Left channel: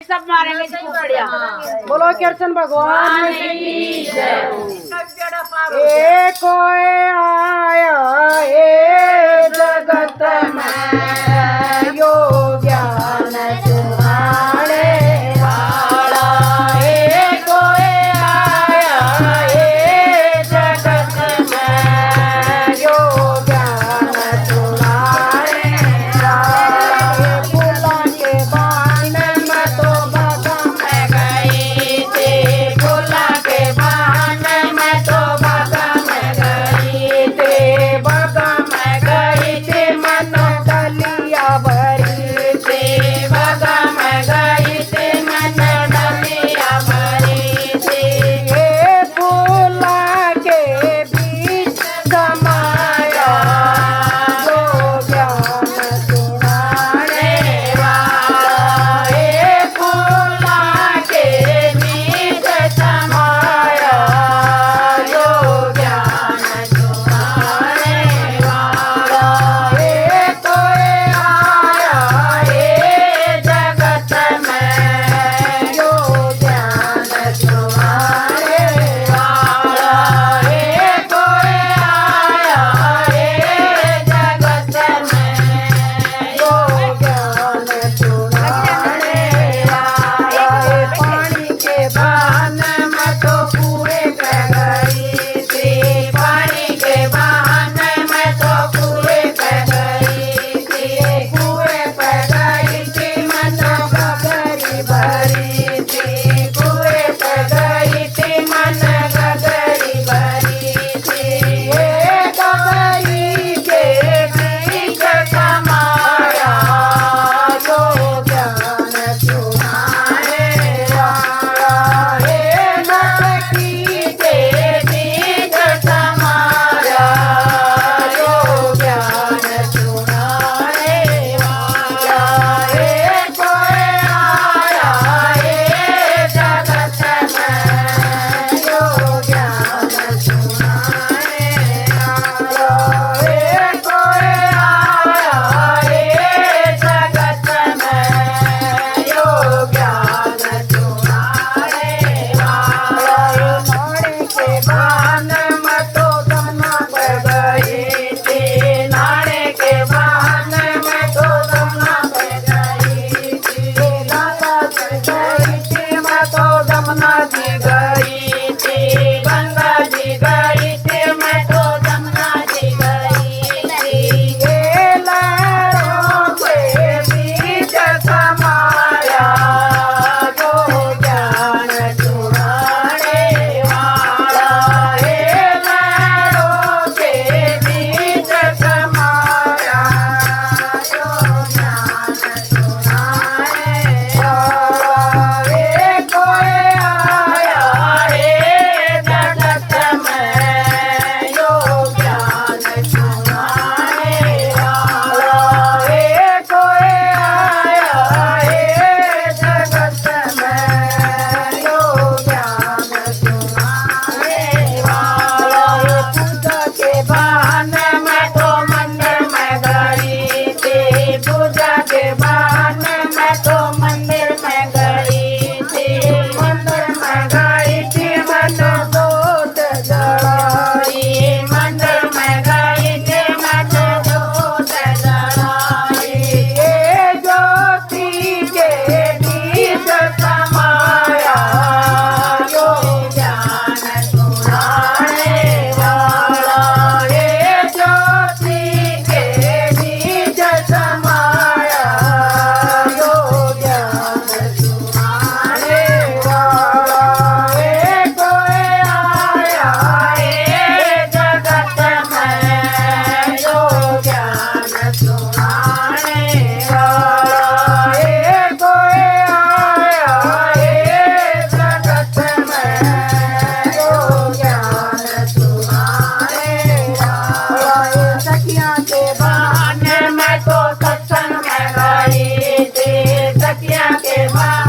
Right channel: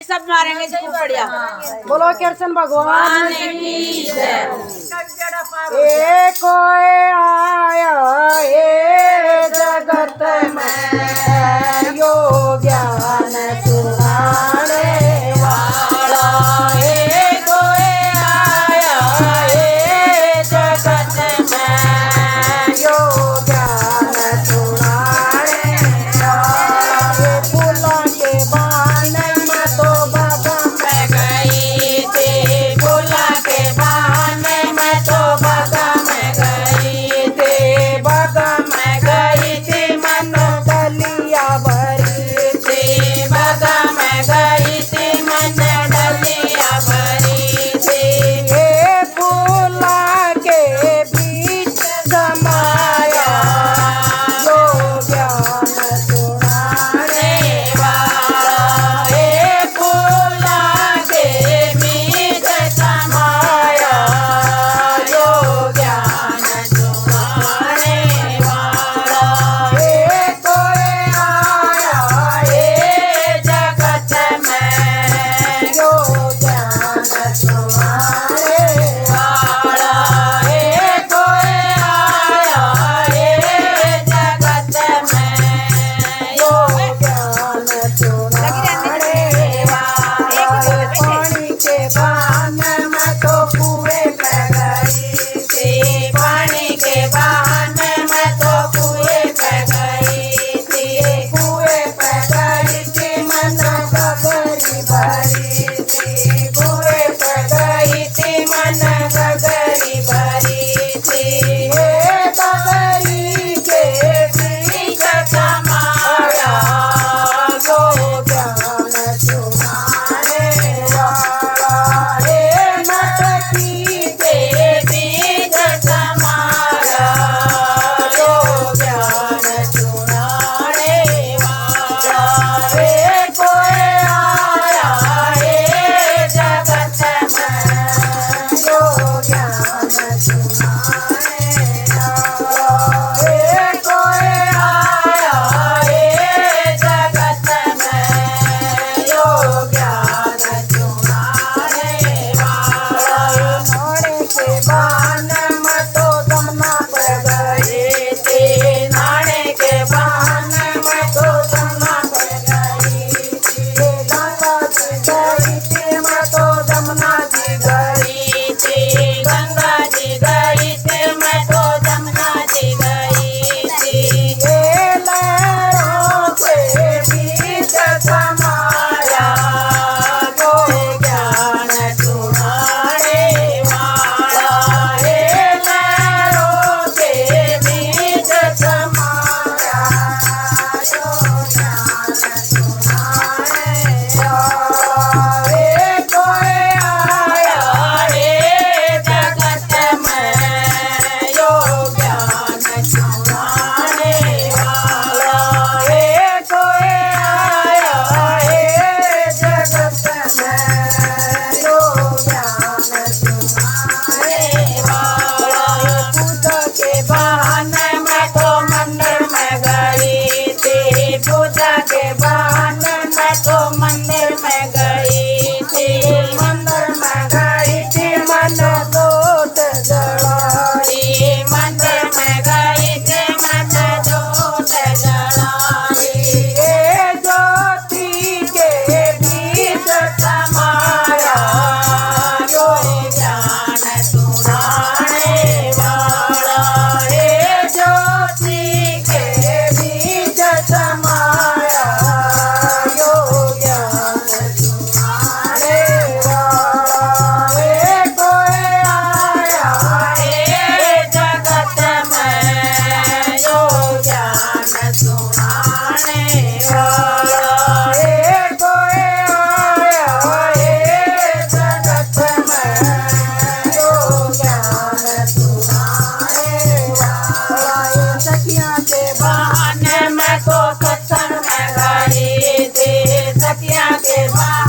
सब मारेंगे सही बढ़िया। बोलो कृष्ण भगवान की जय। ए कोई आया ए जगत में यो ज्ञान सुनाने वाला। ए कोई आया ए जगत में यो ज्ञान सुनाने वाला। फूलों के बाण में तो बगम गई थी, फूलों के बाण में तो बगम गई थी, बगम गई थी मनो डलिया भरी थी, बगम गई थी मनो डलिया भरी थी। ये फूलों के बीच समाया जो ज्ञान सुनाने वाला। ये फूलों के बीच समाया जो ज्ञान सुनाने वाला। ये कोई आया ये जगत में जो ज्ञान सुनाने वाला। ये कोई आया ये जगत में जो ज्ञान सुनाने वाला। ये पानी के बान में तो पूरे पे गई थी, पानी के बान में तो पूरे पे गई थी, कुएं पे गई थी मनो गगरी भरी थी, कुएं पे गई थी मन गगरी भरी थी। ये गगरी के बीच समाया जो ज्ञान सुनाने वाला। ये मटकी के बीच समाया जो ज्ञान सुनाने वाला। ये कोई आया ये जगत में जो ज्ञान सुनाने वाला। ये कोई आया ये जगत में जो ज्ञान सुनाने वाला। नाड़े के बान में तो जमुना पे गई थी, नाड़े के बान में तो जमुना पे गई थी, गंगा जी गई थी मैं तो जमुना जी गई थी, गंगा जी गई थी मैं तो जमुना जी गई थी। ये लहरों के बीच समाया जो ज्ञान सुनाने वाला। ये लहरों के बीच समाया जो ज्ञान सुनाने वाला। ये कोई आया ये जगत में जो ज्ञान सुनाने वाला। ये कोई आया ये जगत में जो ज्ञान सुनाने वाला। ये पूजा के बहाने मैं तो मंदिर में गई थी, पूजा के बहाने मैं तो मंदिर में गई थी, मंदिर में गई थी मनो जोत जलाई, मंदिर में गई थी मनो जोत जलाई। ये ज्योति के बीच समाया जो ज्ञान सुनाने वाला। ये ज्योति के बीच समाया जो ज्ञान सुनाने वाला। ये कोई आया ये जगत में जो ज्ञान सुनाने वाला। ये कोई आया ये जगत में जो ज्ञान सुनाने वाला। ये सखियाँ के बहाने मैं तो सत्संग में गई थी, सखियाँ के बहाने